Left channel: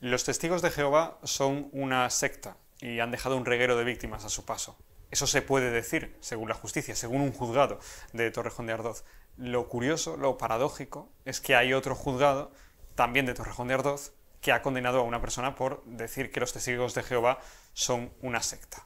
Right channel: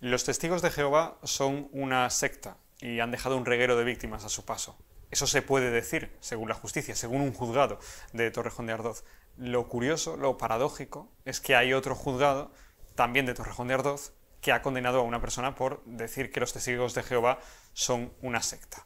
Los testigos de Jehová son una secta y han dejado un reguero de víctimas a su paso. Eso se puede decir, según la justicia, según un juzgado de Torrejón de Ardoz. Lo curioso, lo paradójico, es que hay otro juzgado, también de Torrejón de Ardoz, que ha condenado a una persona por decir que los testigos de Jehová son una secta.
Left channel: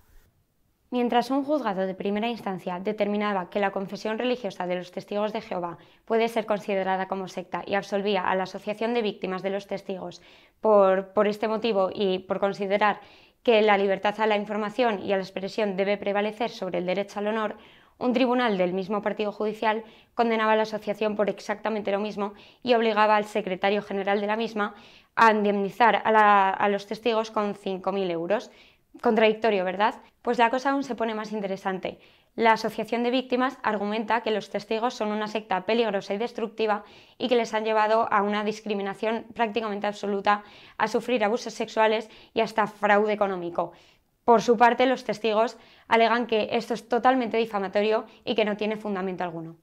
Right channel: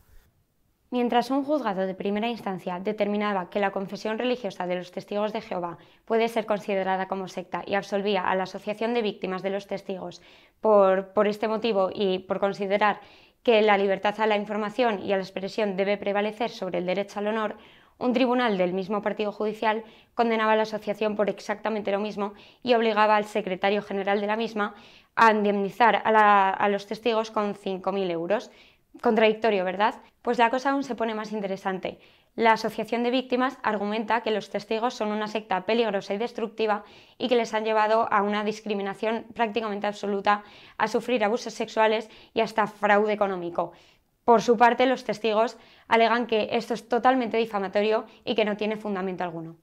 Mientras un juzgado de primera instancia determinaba que la confesión religiosa de los testigos de Jehová puede ser considerada como secta y absolvía a la asociación de víctimas de los testigos por este motivo y por considerar que la libertad a la información y a la expresión debe prevalecer sobre el derecho al honor, un tribunal del mismo partido judicial condenaba a la asociación por exactamente lo mismo y obligaba al secretario general de la misma a indemnizar a los testigos con 5.000 euros. Contradictorio, ¿verdad? Pues la cosa aún se pone más interesante. La asociación de víctimas argumenta que los testigos son una secta peligrosa y destructiva y que les han llevado a una discriminación prácticamente absoluta, a sufrir abusos sexuales y hasta fraude económico. Por su parte, los testigos alegan que esto es totalmente difamatorio y que no tiene fundamento alguno.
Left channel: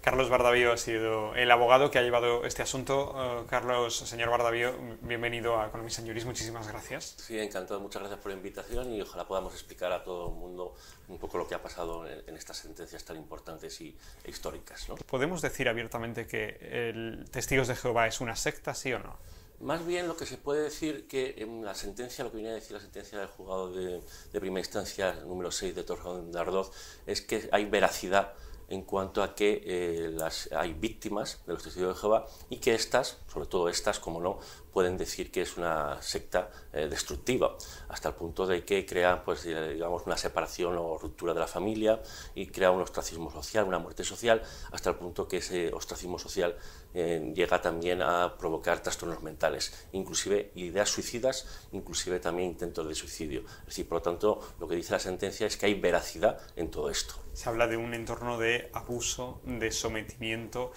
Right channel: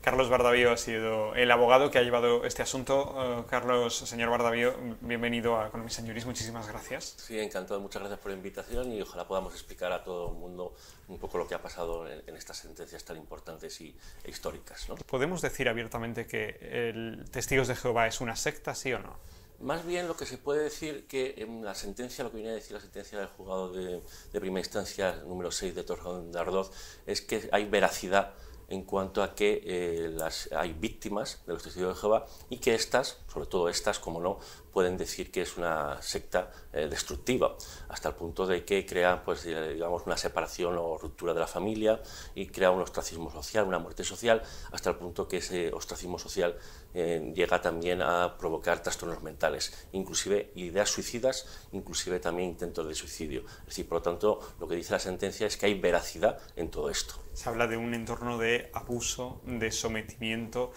Carlos Bardavío ha sido el abogado que ha llevado este asunto. Carlos, señor Bardavío, bienvenido a Economía and Juris, muchísimas gracias. Sí, encantado, muchas gracias por la invitación y ojalá podamos explicar a todo el mundo un poco lo que ha pasado en estas sentencias tan importantes e históricas, ¿no? ¿Podemos decir abiertamente que el Testigos de Jehová es una secta, sí o no? Más bien lo que se puede decir que en la sentencia, lo que viene a decir la sentencia del juzgado de primera instancia número 6 de Torrejón de Ardoz, es que hay veracidad en cuanto a que hay víctimas de los testigos de Jehová y que estas, sobre todo estas, como no, pueden decir que es una secta destructiva, hasta el punto de que crea, pues, digamos, una separación o ruptura de la familia y crea un ostracismo social, una muerte social, hasta el punto que ese ostracismo social llega también a provocar trastornos mentales, inclusive ideas suicidas, inclusive también intentos de suicidio. Es decir, por lo tanto, lo que dice la sentencia es que hay veracidad en todo esto. Se habla de un entorno de abuso, de sometimiento.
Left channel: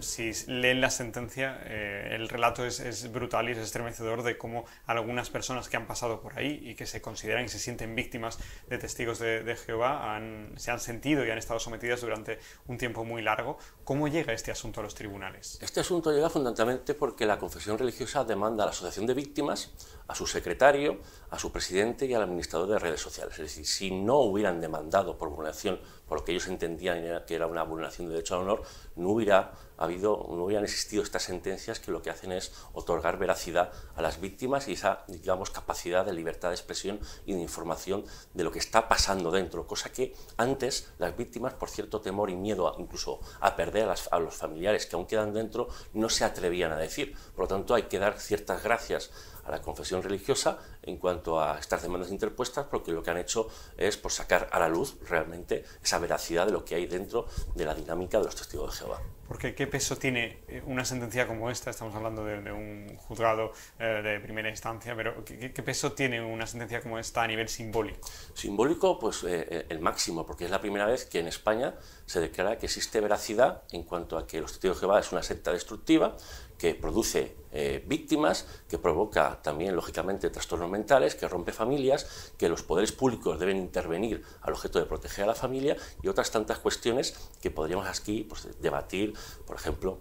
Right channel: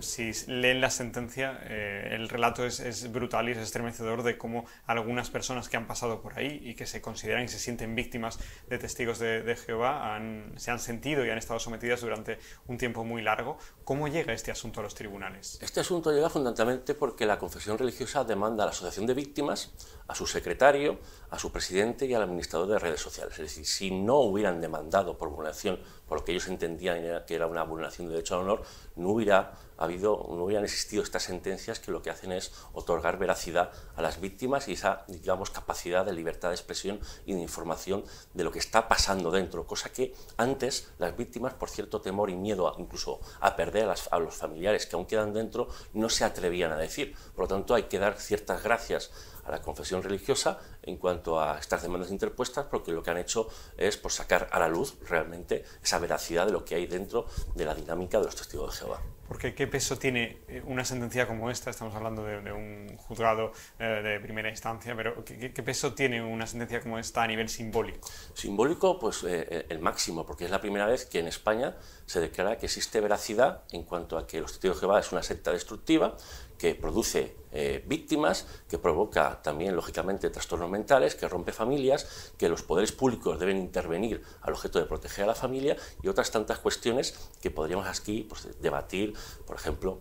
Si leen la sentencia, el relato es brutal y es estremecedor de cómo algunas personas que han pasado por ahí y que se consideran y se sienten víctimas de testigos de Jehová se han sentido y han estado sometidas durante un tiempo muy largo. ¿Cómo llega este asunto a los tribunales? Este asunto llega fundamentalmente porque la confesión religiosa demanda a la asociación de víctimas, a su secretario, a su presidente y al administrador de redes sociales. Es decir, si no hubieran demandado por vulneración, por lo que ellos entendían que era una vulneración de derecho al honor, no hubieran existido estas sentencias que lo que hacen es otorgar veracidad a las víctimas y esa, digamos, capacidad de libertad de expresión y de información de lo que está pasando dentro, cosa que antes las víctimas, por cierto temor y miedo incluso a perder a los familiares que aún quedan dentro, no se atrevían a decir. Por lo tanto, hay que dar ciertas gracias a la confesión religiosa en cuanto a estas demandas interpuestas, porque lo que han hecho es por sacar a la luz realmente esa veracidad de lo que hay dentro de la dinámica de los testigos de Jehová. Porque ¿qué peso tiene una sentencia como esta? Estamos hablando de un juzgado de primera instancia, pero ¿qué peso tiene una sentencia como esta a nivel simbólico? Simbólico, pues el máximo, porque es la primera vez que en España se declara que existe veracidad en cuanto a que los testigos de Jehová es una secta destructiva, que produce víctimas, que provoca también, lógicamente, trastornos mentales, que rompe familias, que los poderes públicos deben intervenir al objeto de proteger a la familia y otras tantas cuestiones que podríamos aquí, pues, debatir, por ejemplo,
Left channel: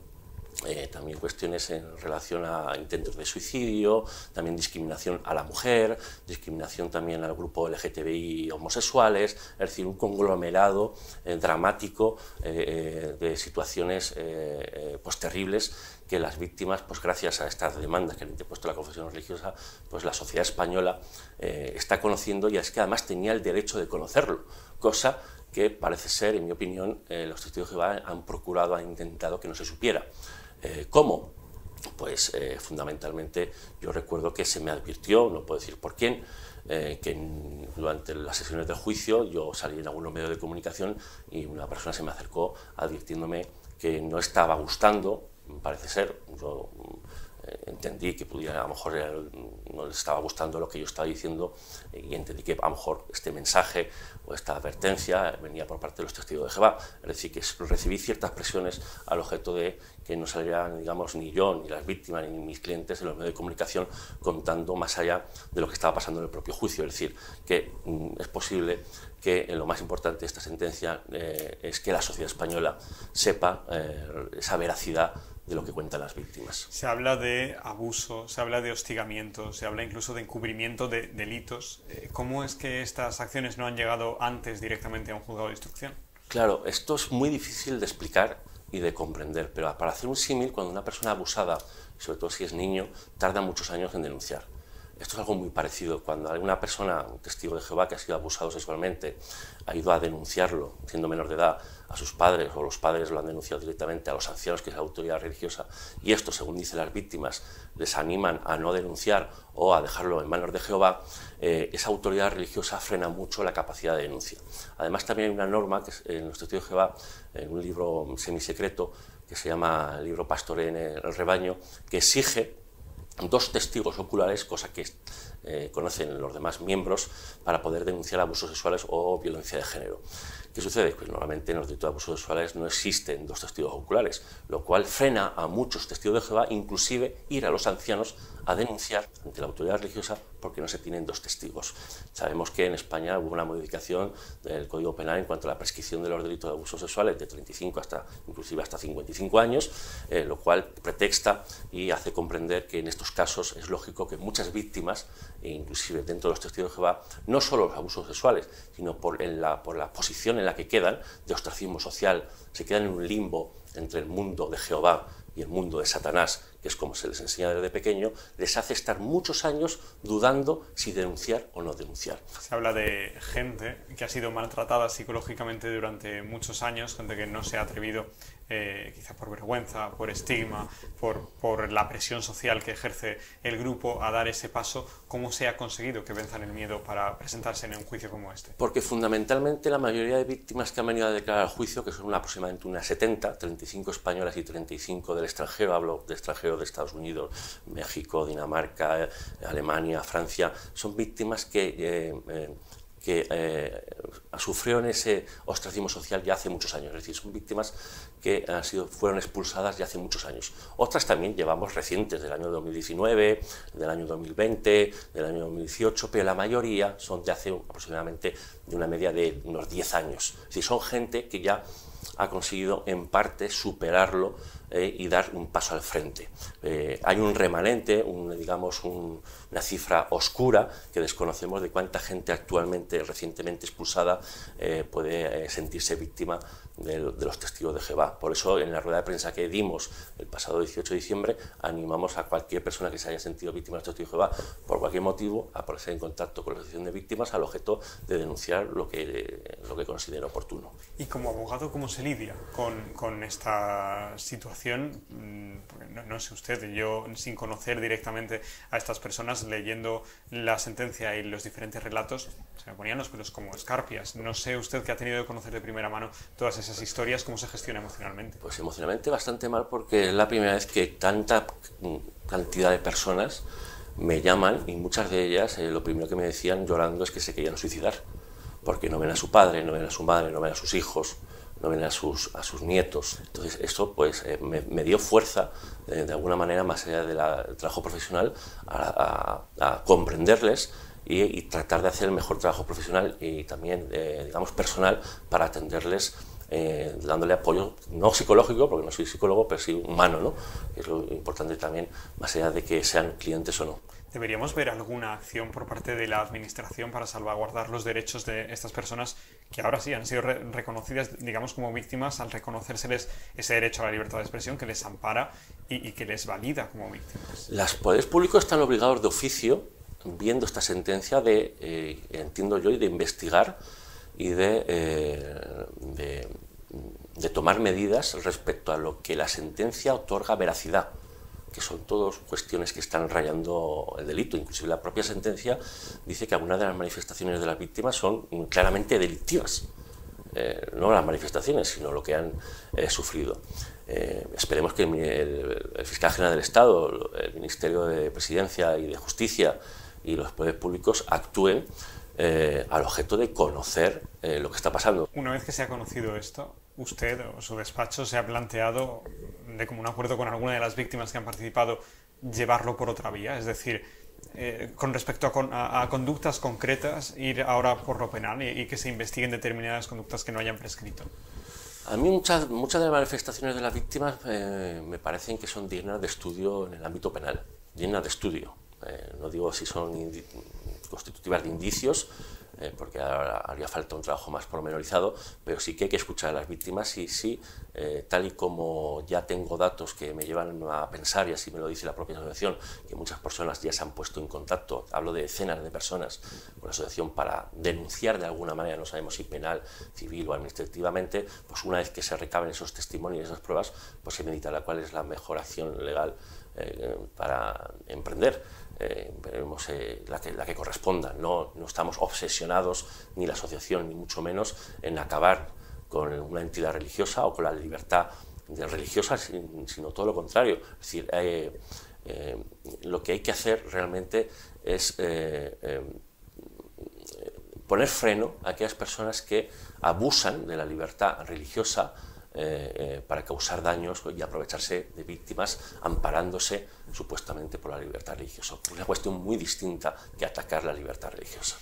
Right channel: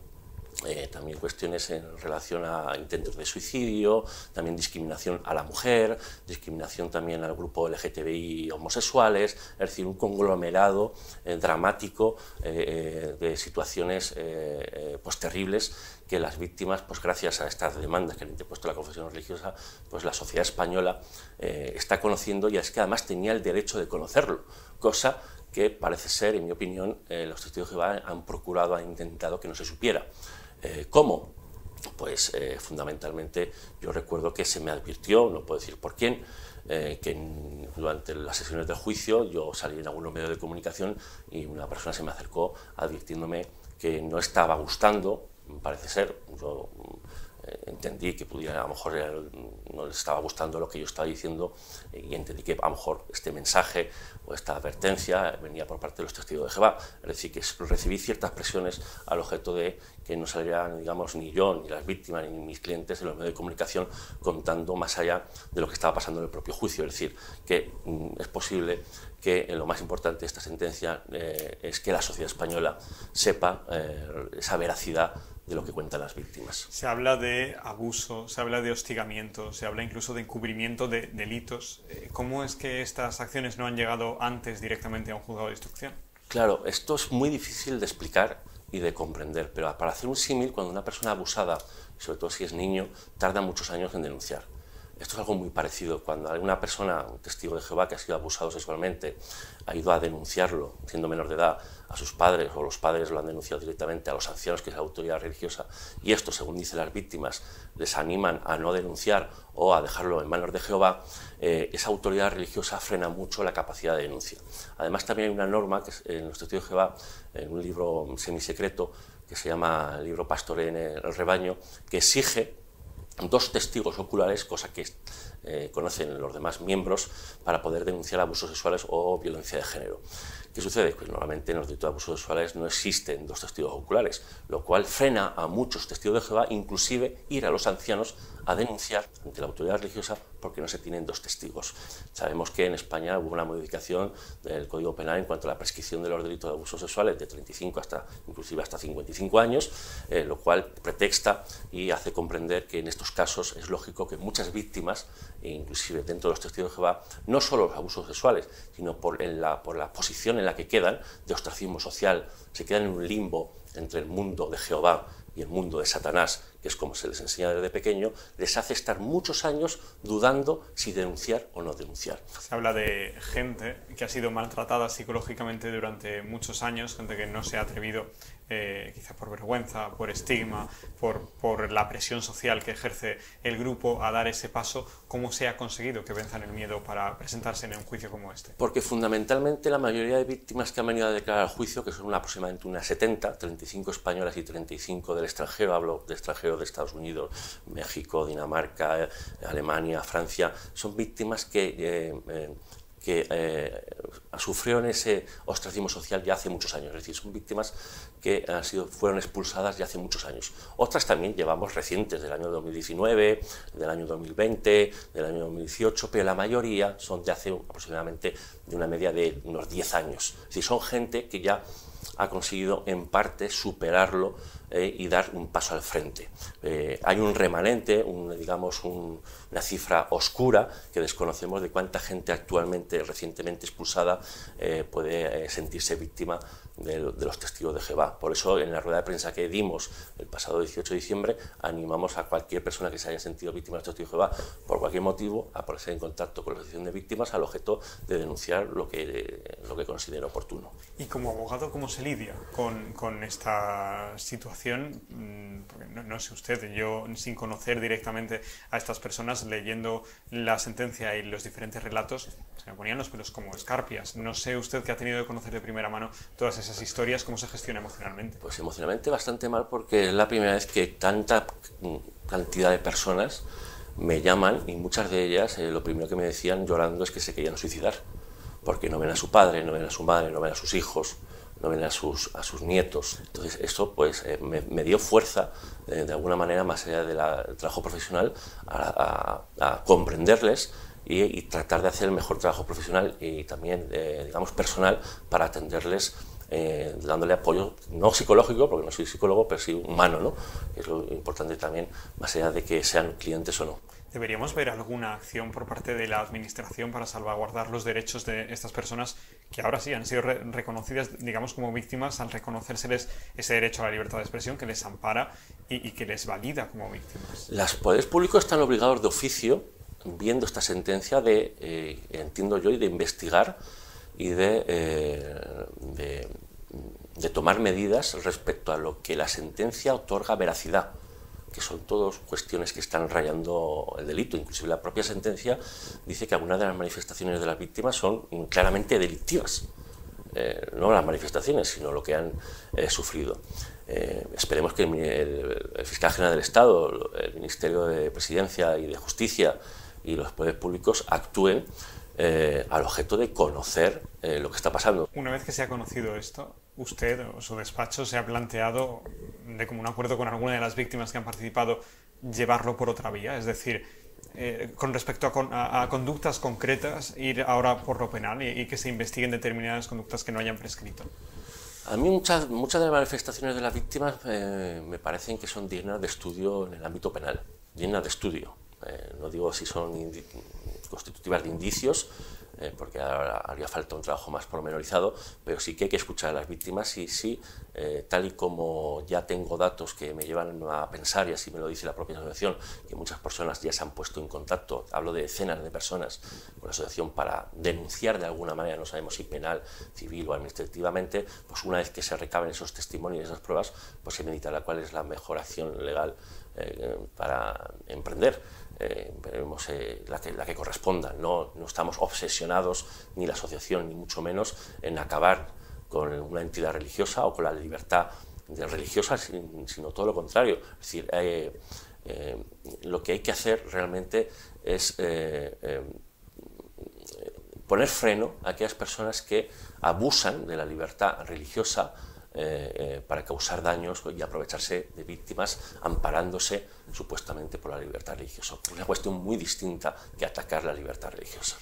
también cuestiones en relación a intentos de suicidio, también discriminación a la mujer, discriminación también al grupo LGTBI homosexuales, es decir, un conglomerado dramático de situaciones pues terribles que las víctimas, pues gracias a estas demandas que han interpuesto la confesión religiosa, pues la sociedad española está conociendo, y es que además tenía el derecho de conocerlo, cosa que parece ser, en mi opinión, los testigos de Jehová han procurado, han intentado que no se supiera. ¿Cómo? Pues fundamentalmente yo recuerdo que se me advirtió, no puedo decir por quién, que durante las sesiones del juicio yo salí en algunos medios de comunicación y una persona se me acercó advirtiéndome que no estaba gustando, parece ser, yo entendí que pudiera, a lo mejor no les estaba gustando lo que yo estaba diciendo y entendí que a lo mejor este mensaje o esta advertencia venía por parte de los testigos de Jehová, es decir, que recibí ciertas presiones al objeto de que no salieran, digamos, ni yo, ni las víctimas, ni mis clientes en los medios de comunicación contando más allá de lo que estaba pasando en el propio juicio, es decir, que es posible que lo más importante de esta sentencia es que la sociedad española sepa esa veracidad de lo que cuentan las víctimas. Se habla de abuso, se habla de hostigamiento, se habla incluso de encubrimiento de delitos. ¿Cómo es que estas acciones no han llegado antes directamente a un juzgado de instrucción? Claro, esto es muy difícil de explicar y de comprender, pero para hacer un símil, cuando una persona abusada, sobre todo si es niño, tarda muchos años en denunciar. Esto es algo muy parecido. Cuando alguna persona, un testigo de Jehová que ha sido abusado sexualmente, ha ido a denunciarlo, siendo menor de edad, a sus padres, o los padres lo han denunciado directamente a los ancianos, que es la autoridad religiosa, y esto, según dicen las víctimas, les animan a no denunciar o a dejarlo en manos de Jehová, esa autoridad religiosa frena mucho la capacidad de denuncia. Además, también hay una norma que en los testigos de Jehová, en un libro semisecreto, que se llama el libro Pastoré en el rebaño, que exige 2 testigos oculares, cosa que conocen los demás miembros, para poder denunciar abusos sexuales o violencia de género. ¿Qué sucede? Pues normalmente en los delitos de abusos sexuales no existen 2 testigos oculares, lo cual frena a muchos testigos de Jehová, inclusive ir a los ancianos a denunciar ante la autoridad religiosa porque no se tienen 2 testigos. Sabemos que en España hubo una modificación del Código Penal en cuanto a la prescripción de los delitos de abusos sexuales de 35 inclusive hasta 55 años, lo cual pretexta y hace comprender que en estos casos es lógico que muchas víctimas, inclusive dentro de los testigos de Jehová, no solo los abusos sexuales, sino por la posición en la que quedan de ostracismo social, se quedan en un limbo entre el mundo de Jehová y el mundo de Satanás, que es como se les enseña desde pequeño, les hace estar muchos años dudando si denunciar o no denunciar. Se habla de gente que ha sido maltratada psicológicamente durante muchos años, gente que no se ha atrevido, quizá por vergüenza, por estigma, por la presión social que ejerce el grupo, a dar ese paso. ¿Cómo se ha conseguido que venzan el miedo para presentarse en un juicio como este? Porque fundamentalmente la mayoría de víctimas que han venido a declarar al juicio, que son aproximadamente unas 70, 35 españolas y 35 del extranjero, hablo de extranjero de Estados Unidos, México, Dinamarca, Alemania, Francia, son víctimas que sufrieron ese ostracismo social ya hace muchos años, es decir, son víctimas que fueron expulsadas ya hace muchos años. Otras también llevamos recientes, del año 2019, del año 2020, del año 2018, pero la mayoría son de hace aproximadamente de una media de unos 10 años. Es decir, son gente que ya ha conseguido en parte superarlo y dar un paso al frente. Hay un remanente, una cifra oscura que desconocemos de cuánta gente actualmente, recientemente expulsada, puede sentirse víctima de los testigos de Jehová. Por eso, en la rueda de prensa que dimos el pasado 18 de diciembre, animamos a cualquier persona que se haya sentido víctima de los testigos de Jehová por cualquier motivo a ponerse en contacto con la asociación de víctimas al objeto de denunciar lo que considere oportuno. Y como abogado, ¿cómo se lidia con esta situación? Porque no sé usted, yo sin conocer directamente a estas personas, leyendo la sentencia y los diferentes relatos, se me ponían los pelos como escarpias. No sé usted, que ha tenido que conocer de primera mano todas esas historias, ¿cómo se gestiona emocionalmente? Pues emocionalmente bastante mal, porque es la primera vez que tanta cantidad de personas me llaman, y muchas de ellas lo primero que me decían llorando es que se querían suicidar, porque no ven a su padre, no ven a su madre, no ven a sus hijos, no ven a sus nietos. Entonces esto pues me dio fuerza, de alguna manera, más allá del trabajo profesional, a comprenderles y tratar de hacer el mejor trabajo profesional y también, digamos, personal, para atenderles, dándole apoyo, no psicológico, porque no soy psicólogo, pero sí humano, ¿no? Que es lo importante también, más allá de que sean clientes o no. ¿Deberíamos ver alguna acción por parte de la Administración para salvaguardar los derechos de estas personas que ahora sí han sido reconocidas, digamos, como víctimas, al reconocérseles ese derecho a la libertad de expresión que les ampara y que les valida como víctimas? Los poderes públicos están obligados de oficio, viendo esta sentencia, entiendo yo, de investigar y de tomar medidas respecto a lo que la sentencia otorga veracidad, que son todas cuestiones que están rayando el delito. Inclusive la propia sentencia dice que algunas de las manifestaciones de las víctimas son claramente delictivas. No las manifestaciones, sino lo que han sufrido. Esperemos que el Fiscal General del Estado, el Ministerio de Presidencia y de Justicia y los poderes públicos actúen al objeto de conocer lo que está pasando. Una vez que se ha conocido esto, ¿usted o su despacho se ha planteado, de común acuerdo con alguna de las víctimas que han participado, llevarlo por otra vía? Es decir, con respecto a conductas concretas, ir ahora por lo penal y que se investiguen determinadas conductas que no hayan prescrito. A mí muchas de las manifestaciones de las víctimas me parecen que son dignas de estudio en el ámbito penal, dignas de estudio. No digo si son constitutivas de indicios, porque haría falta un trabajo más pormenorizado, pero sí que hay que escuchar a las víctimas y sí, tal y como ya tengo datos que me llevan a pensar, y así me lo dice la propia asociación, que muchas personas ya se han puesto en contacto, hablo de decenas de personas con la asociación para denunciar de alguna manera, no sabemos si penal, civil o administrativamente, pues una vez que se recaben esos testimonios y esas pruebas, pues se meditará cuál es la mejor acción legal para emprender. Veremos la que corresponda. No estamos obsesionados, ni la asociación, ni mucho menos, en acabar con una entidad religiosa o con la libertad religiosa, sino todo lo contrario. Es decir, lo que hay que hacer realmente es poner freno a aquellas personas que abusan de la libertad religiosa para causar daños y aprovecharse de víctimas amparándose supuestamente por la libertad religiosa. Una cuestión muy distinta que atacar la libertad religiosa.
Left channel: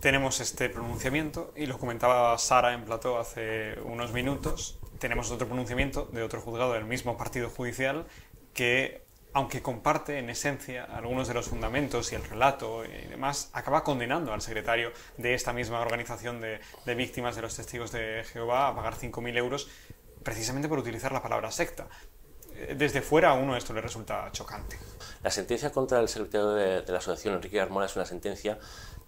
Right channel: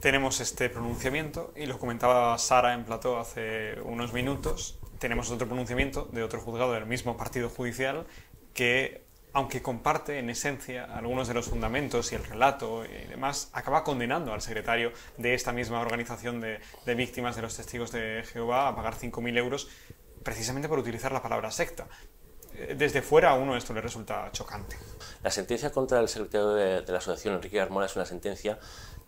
Tenemos este pronunciamiento, y lo comentaba Sara en plató hace unos minutos, tenemos otro pronunciamiento de otro juzgado del mismo partido judicial que, aunque comparte en esencia algunos de los fundamentos y el relato y demás, acaba condenando al secretario de esta misma organización de víctimas de los testigos de Jehová a pagar 5.000 euros precisamente por utilizar la palabra secta. Desde fuera a uno esto le resulta chocante. La sentencia contra el secretario de la asociación, Enrique Carmona, es una sentencia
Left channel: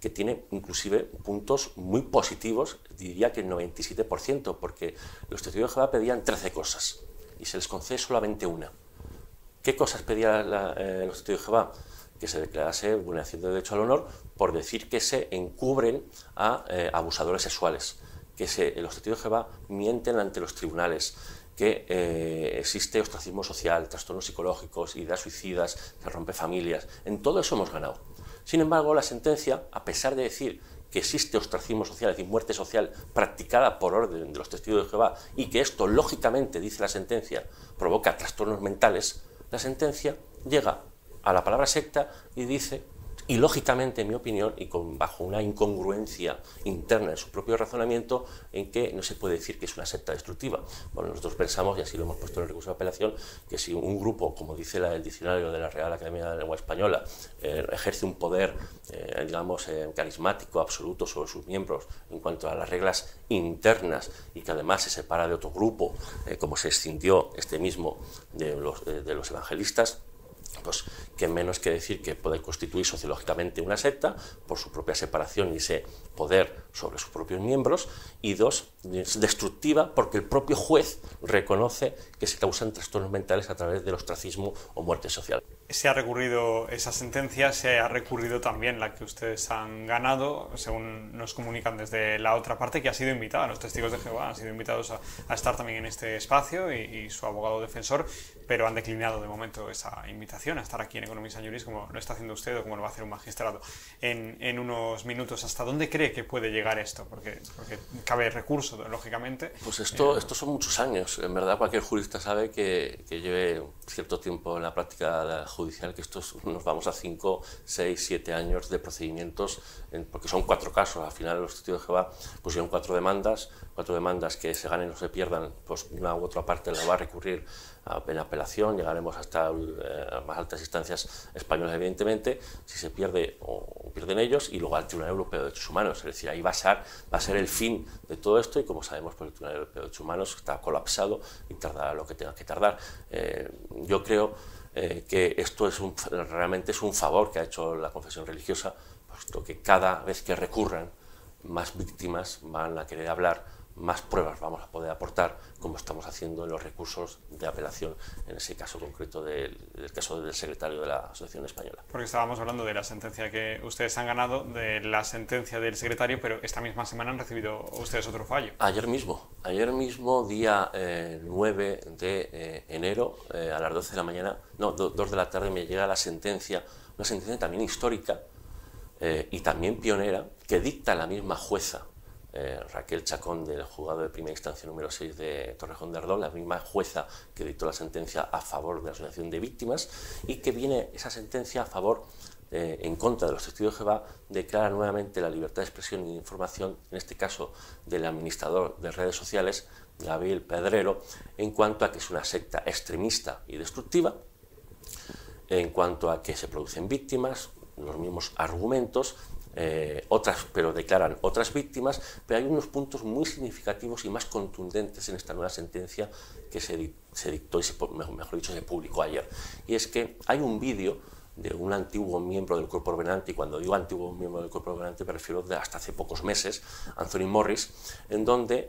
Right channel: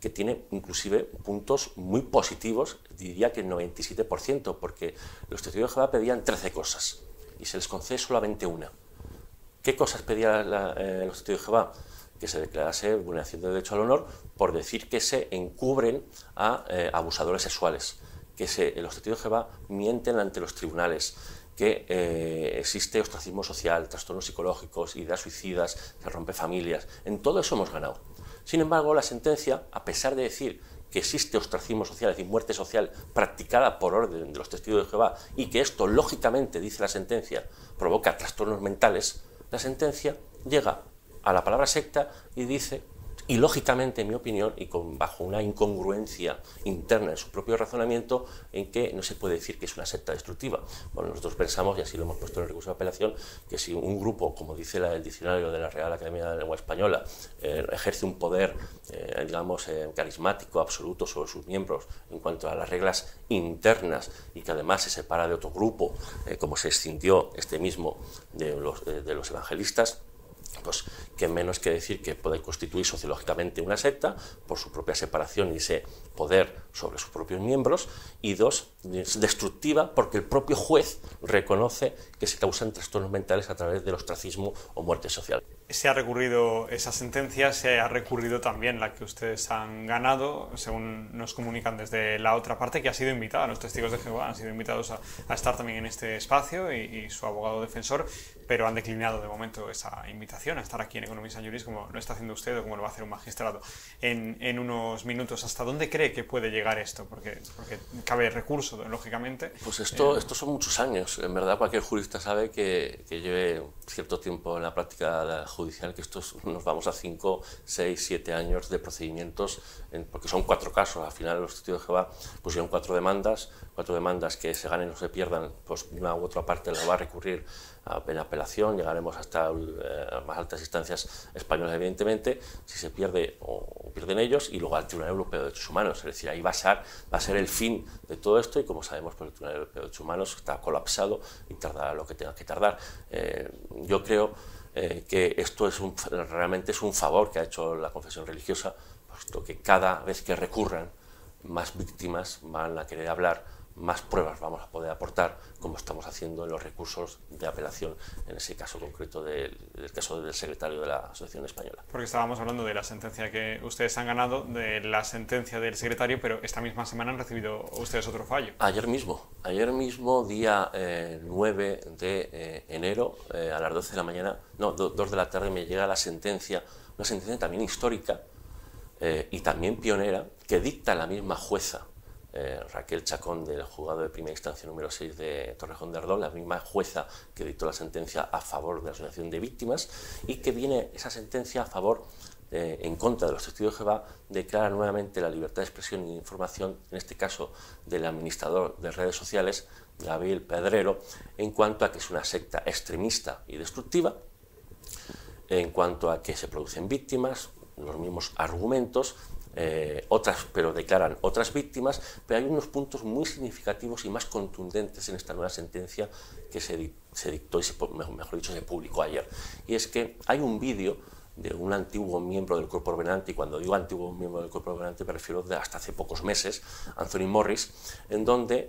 que tiene inclusive puntos muy positivos, diría que el 97%, porque los testigos de Jehová pedían 13 cosas y se les concede solamente una. ¿Qué cosas pedían los testigos de Jehová? Que se declarase vulneración de derecho al honor por decir que se encubren a abusadores sexuales, que los testigos de Jehová mienten ante los tribunales, que existe ostracismo social, trastornos psicológicos, ideas suicidas, se rompe familias. En todo eso hemos ganado. Sin embargo, la sentencia, a pesar de decir que existe ostracismo social, es decir, muerte social practicada por orden de los testigos de Jehová, y que esto, lógicamente, dice la sentencia, provoca trastornos mentales, la sentencia llega a la palabra secta y dice, y lógicamente, en mi opinión, y bajo una incongruencia interna en su propio razonamiento, en que no se puede decir que es una secta destructiva. Bueno, nosotros pensamos, y así lo hemos puesto en el recurso de apelación, que si un grupo, como dice el diccionario de la Real Academia de la Lengua Española, ejerce un poder, digamos, carismático, absoluto sobre sus miembros en cuanto a las reglas internas, y que además se separa de otro grupo, como se escindió este mismo de los evangelistas, pues que menos que decir que puede constituir sociológicamente una secta por su propia separación y ese poder sobre sus propios miembros, y dos, destructiva porque el propio juez reconoce que se causan trastornos mentales a través del ostracismo o muerte social. Se ha recurrido esa sentencia, se ha recurrido también la que ustedes han ganado, según nos comunican desde la otra parte, que ha sido invitada, los testigos de Jehová han sido invitados a estar también en este espacio y su abogado defensor, pero han declinado de momento esa invitación a estar aquí en Economía and Juris, como lo está haciendo usted o como lo va a hacer un magistrado en unos minutos. ¿Hasta dónde cree que puede llegar esto? Porque cabe recurso, lógicamente. Pues esto son muchos años. En verdad, cualquier jurista sabe que lleve cierto tiempo en la práctica judicial, que nos vamos a 5, 6, 7 años de procedimientos, porque son 4 casos. Al final los testigos de Jehová pusieron 4 demandas que se ganen o se pierdan, pues una u otra parte la va a recurrir en apelación, llegaremos hasta más altas instancias españolas, evidentemente, si se pierde o pierden ellos, y luego al Tribunal Europeo de Derechos Humanos. Es decir, ahí va a ser el fin de todo esto, y como sabemos, pues el Tribunal Europeo de Derechos Humanos está colapsado y tardará lo que tenga que tardar. Yo creo que esto realmente es un favor que ha hecho la confesión religiosa, puesto que cada vez que recurran, más víctimas van a querer hablar, más pruebas vamos a poder aportar, como estamos haciendo en los recursos de apelación, en ese caso concreto del caso del secretario de la Asociación Española. Porque estábamos hablando de la sentencia que ustedes han ganado, de la sentencia del secretario, pero esta misma semana han recibido ustedes otro fallo. Ayer mismo, día 9 de enero, a las 12 de la mañana, no, 2 de la tarde, me llega la sentencia, una sentencia también histórica y también pionera, que dicta la misma jueza, Raquel Chacón, del juzgado de primera instancia número 6 de Torrejón de Ardoz, la misma jueza que dictó la sentencia a favor de la asociación de víctimas, y que viene esa sentencia a favor, en contra de los testigos de Jehová, declara nuevamente la libertad de expresión y de información, en este caso del administrador de redes sociales, Gabriel Pedrero, en cuanto a que es una secta extremista y destructiva, en cuanto a que se producen víctimas, los mismos argumentos, pero declaran otras víctimas, pero hay unos puntos muy significativos y más contundentes en esta nueva sentencia que se dictó y mejor dicho, se publicó ayer. Y es que hay un vídeo de un antiguo miembro del Cuerpo Ordenante, y cuando digo antiguo miembro del Cuerpo Ordenante me refiero de hasta hace pocos meses, Anthony Morris, en donde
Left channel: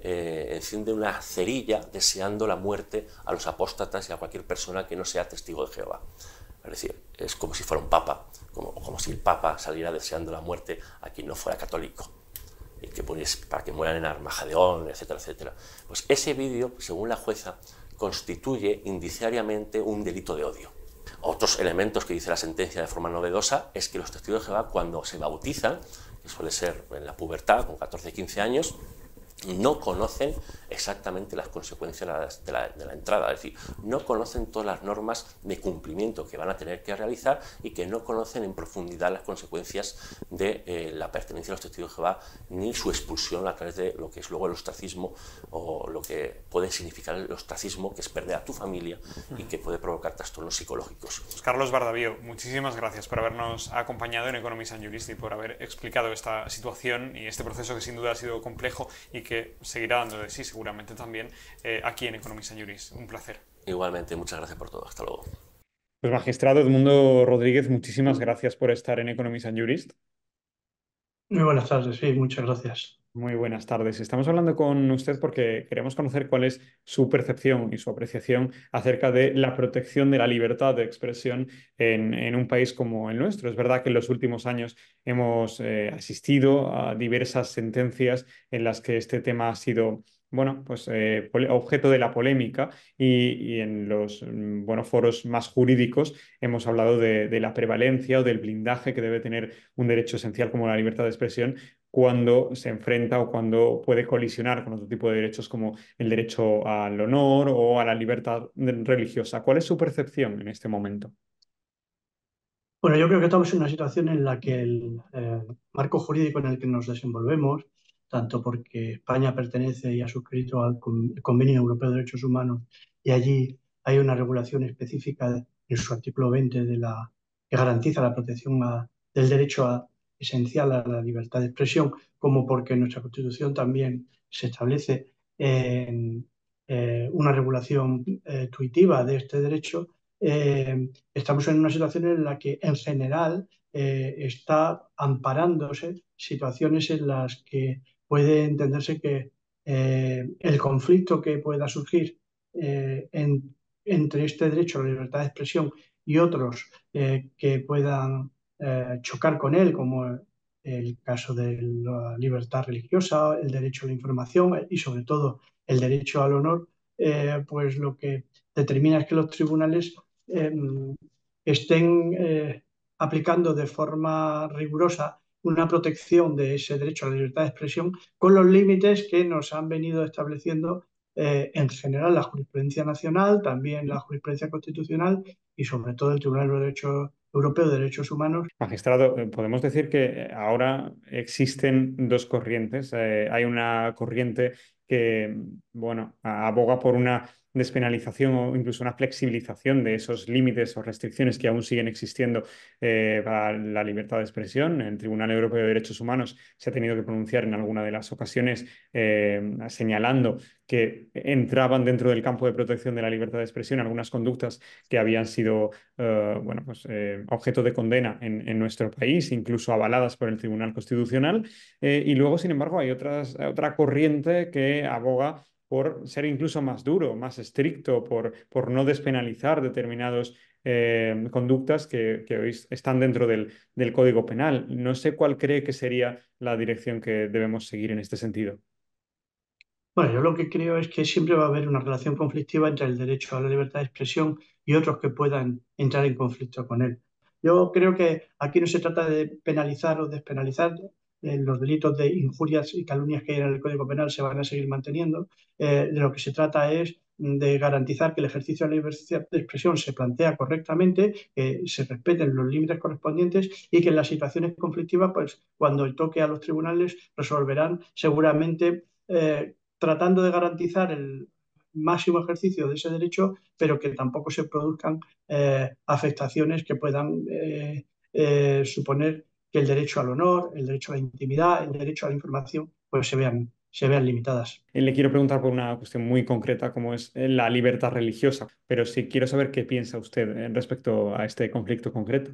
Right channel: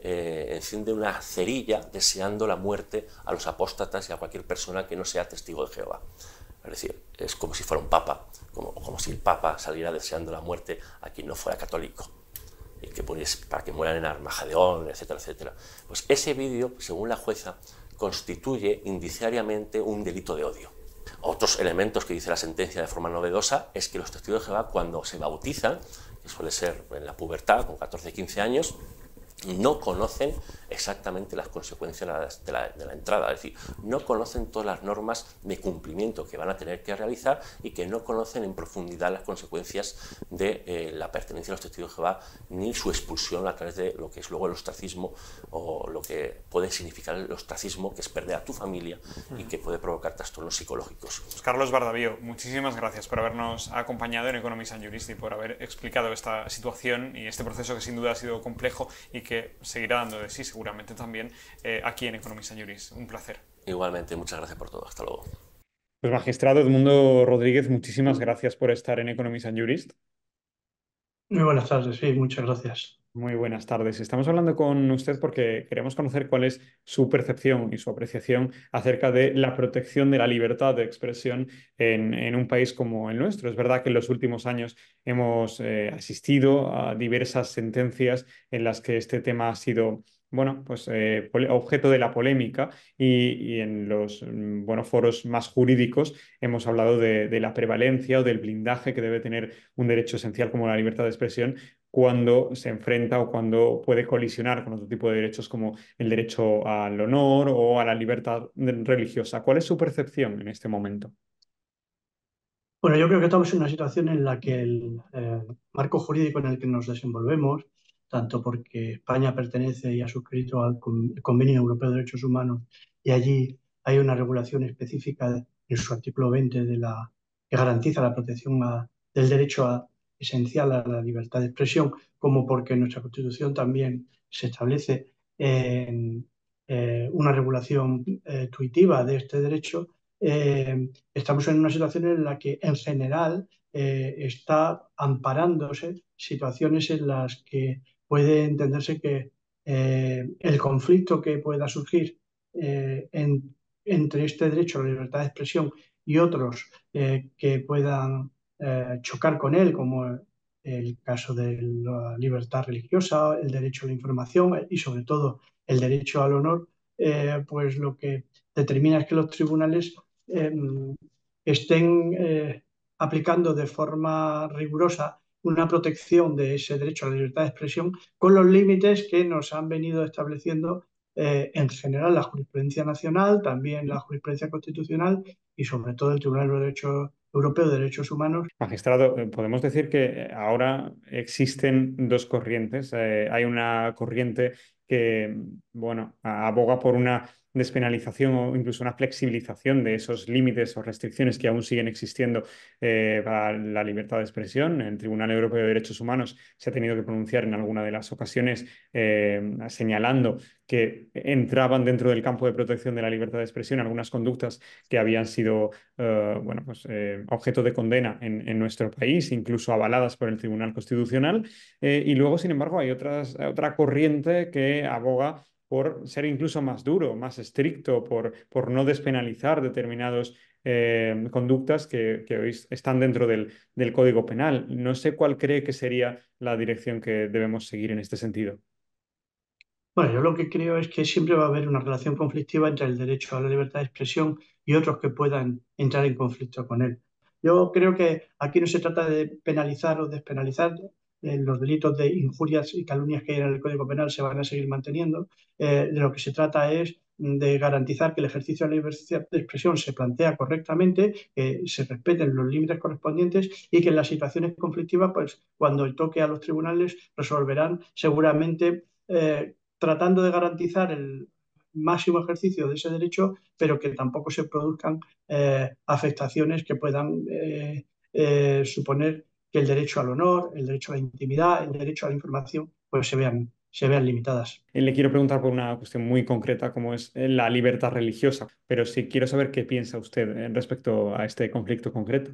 enciende una cerilla deseando la muerte a los apóstatas y a cualquier persona que no sea testigo de Jehová. Es decir, es como si fuera un papa, como si el papa saliera deseando la muerte a quien no fuera católico, y que para que mueran en Armagedón, etcétera, etcétera. Pues ese vídeo, según la jueza, constituye indiciariamente un delito de odio. Otros elementos que dice la sentencia de forma novedosa es que los testigos de Jehová, cuando se bautizan, que suele ser en la pubertad, con 14-15 años, no conocen exactamente las consecuencias de la entrada, es decir, no conocen todas las normas de cumplimiento que van a tener que realizar y que no conocen en profundidad las consecuencias de la pertenencia a los testigos de Jehová ni su expulsión a través de lo que es luego el ostracismo o lo que puede significar el ostracismo, que es perder a tu familia y que puede provocar trastornos psicológicos. Pues Carlos Bardavío, muchísimas gracias por habernos acompañado en Economist and Jurist y por haber explicado esta situación y este proceso que sin duda ha sido complejo y que seguirá dando de sí seguramente también aquí en Economist and Jurist. Un placer. Igualmente, muchas gracias por todo. Hasta luego. Pues magistrado Edmundo Rodríguez, muchísimas gracias por estar en Economist and Jurist. Muy buenas tardes, sí, muchas gracias. Muy buenas tardes. Estamos hablando con usted porque queremos conocer cuál es su percepción y su apreciación acerca de la protección de la libertad de expresión en un país como el nuestro. Es verdad que en los últimos años hemos asistido a diversas sentencias en las que este tema ha sido, bueno, pues objeto de la polémica y en los foros más jurídicos hemos hablado de la prevalencia o del blindaje que debe tener un derecho esencial como la libertad de expresión cuando se enfrenta o cuando puede colisionar con otro tipo de derechos como el derecho al honor o a la libertad religiosa. ¿Cuál es su percepción en este momento? Bueno, yo creo que estamos en una situación en la que el marco jurídico en el que nos desenvolvemos, tanto porque España pertenece y ha suscrito al Convenio Europeo de Derechos Humanos y allí hay una regulación específica en su artículo 20 que garantiza la protección del derecho esencial a la libertad de expresión, como porque en nuestra Constitución también se establece una regulación tuitiva de este derecho. Estamos en una situación en la que en general está amparándose situaciones en las que puede entenderse que el conflicto que pueda surgir entre este derecho a la libertad de expresión y otros que puedan chocar con él, como el caso de la libertad religiosa, el derecho a la información y sobre todo el derecho al honor, pues lo que determina es que los tribunales eh, estén aplicando de forma rigurosa una protección de ese derecho a la libertad de expresión con los límites que nos han venido estableciendo en general la jurisprudencia nacional, también la jurisprudencia constitucional y sobre todo el Tribunal Europeo de Derechos Humanos. Magistrado, podemos decir que ahora existen dos corrientes. Hay una corriente que, bueno, aboga por una despenalización o incluso una flexibilización de esos límites o restricciones que aún siguen existiendo para la libertad de expresión. El Tribunal Europeo de Derechos Humanos se ha tenido que pronunciar en alguna de las ocasiones señalando que entraban dentro del campo de protección de la libertad de expresión algunas conductas que habían sido objeto de condena en nuestro país, incluso avaladas por el Tribunal Constitucional. Y luego, sin embargo, hay otra corriente que aboga por ser incluso más duro, más estricto, por no despenalizar determinados conductas que hoy están dentro del Código Penal. No sé cuál cree que sería la dirección que debemos seguir en este sentido. Bueno, yo lo que creo es que siempre va a haber una relación conflictiva entre el derecho a la libertad de expresión y otros que puedan entrar en conflicto con él. Yo creo que aquí no se trata de penalizar o despenalizar. Los delitos de injurias y calumnias que hay en el Código Penal se van a seguir manteniendo. De lo que se trata es de garantizar que el ejercicio de la libertad de expresión se plantea correctamente, que se respeten los límites correspondientes y que en las situaciones conflictivas, pues cuando toque a los tribunales, resolverán seguramente tratando de garantizar el máximo ejercicio de ese derecho, pero que tampoco se produzcan afectaciones que puedan suponer que el derecho al honor, el derecho a la intimidad, el derecho a la información, pues se vean limitadas. Le quiero preguntar por una cuestión muy concreta, como es la libertad religiosa, pero sí quiero saber qué piensa usted respecto a este conflicto concreto.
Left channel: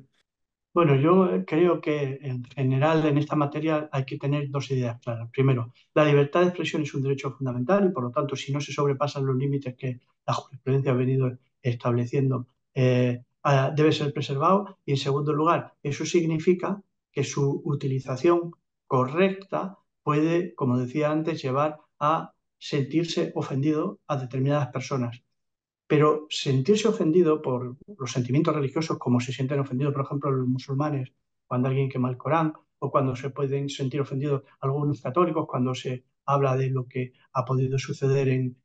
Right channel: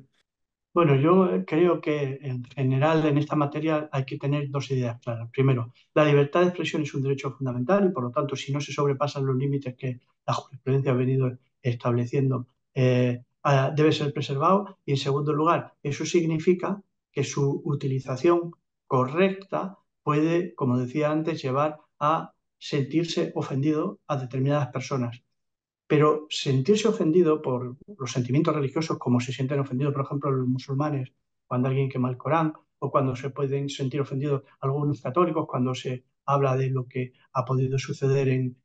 Bueno, yo creo que en general en esta materia hay que tener dos ideas claras. Primero, la libertad de expresión es un derecho fundamental y por lo tanto, si no se sobrepasan los límites que la jurisprudencia ha venido estableciendo, debe ser preservado. Y en segundo lugar, eso significa que su utilización correcta puede, como decía antes, llevar a sentirse ofendido a determinadas personas. Pero sentirse ofendido por los sentimientos religiosos, como se sienten ofendidos, por ejemplo, los musulmanes cuando alguien quema el Corán, o cuando se pueden sentir ofendidos algunos católicos cuando se habla de lo que ha podido suceder en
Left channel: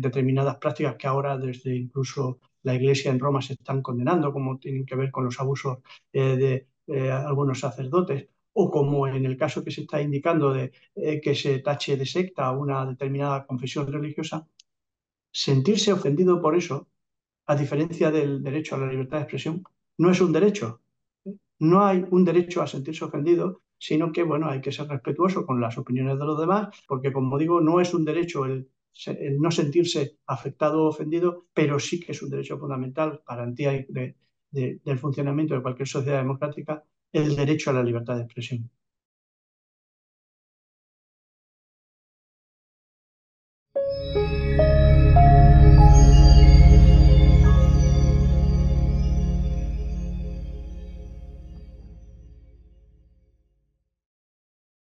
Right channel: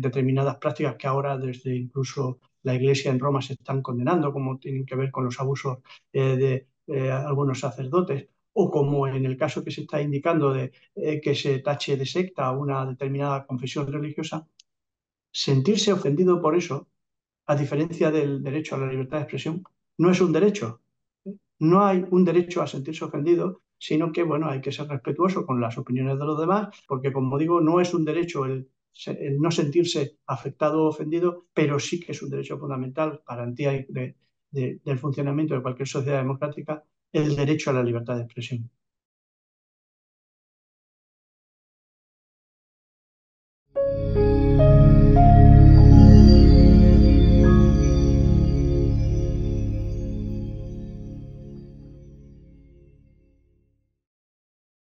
determinadas prácticas que ahora desde incluso la Iglesia en Roma se están condenando, como tienen que ver con los abusos de algunos sacerdotes, o como en el caso que se está indicando de que se tache de secta a una determinada confesión religiosa. Sentirse ofendido por eso, a diferencia del derecho a la libertad de expresión, no es un derecho. No hay un derecho a sentirse ofendido, sino que, bueno, hay que ser respetuoso con las opiniones de los demás, porque, como digo, no es un derecho el no sentirse afectado o ofendido, pero sí que es un derecho fundamental, garantía del funcionamiento de cualquier sociedad democrática, el derecho a la libertad de expresión.